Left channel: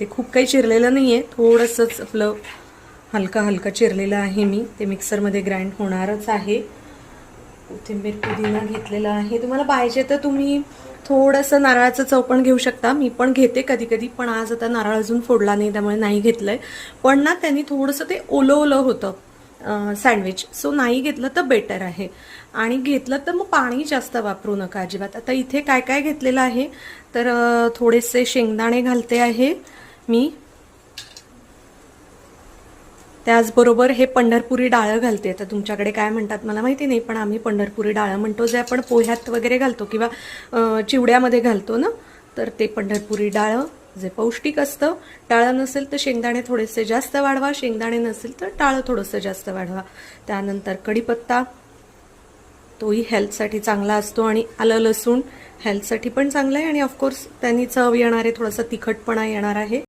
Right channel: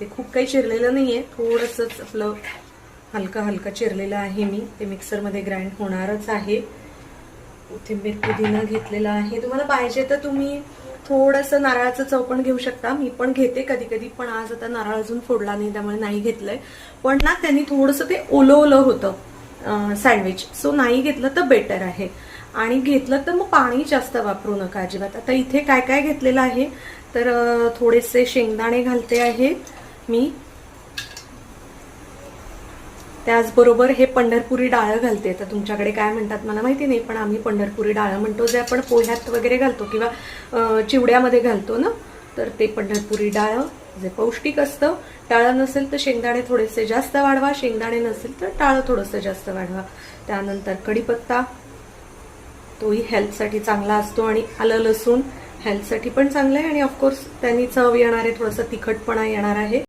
ते खूप काही चिरलेलं नाही आहे थोडंसंच आपलं हलका हलका चिरलेलं आहे मी. ते मिक्सरमध्ये ग्राइंड होणारच आहे. कोथिंबीर पुदिना घेतलेला आहे. तुम्हाला पाहिजे तर तुम्ही थोडंसं नारळाचं चव घेऊ शकता. मी पण घेते कधी कधी पण आज आता नारळ अजून फोडला नाही त्यामुळे नाही घेतलंय. पण ना त्यांनी थोडंसं ते ओलं ओलं होतं सँडविच सो नाही घेतलं तर बेटर आहे. आणि घेतलं तर मग पाणी जास्त वापरू नका अजिबात. आता इथे काय काय घेतलेलं आहे? तर थोडेसे शेंगदाणे घालते आहे. मी? त्याचबरोबर हे पंढरपुरी डाळ घालते. तर तुमच्याकडे काय म्हणतात मला माहिती नाही पण आम्ही पंढरपुरी डाळ म्हणतो जे आपण पोह्यात वगैरे घालतो किंवा चिवड्यामध्ये घालतो ना? तर ते पंढरपुरी डाळ जे पौष्टिक असतं. डाळ नसेल तर शेंगदाणे थोडेसे जास्त वाढवा शेंगदाणे नसेल तर डाळ थोडंसं जास्त वाढवा. त्यानंतर कढीपत्ता तोही हेल्थसाठी चांगला असतो आणि आलं लसूण हेल्थसाठी पण चांगलं आहे आणि ऑफकोर्स त्यांनी चव येणार आहे थोडंसं तिखटपणा येणार आहे.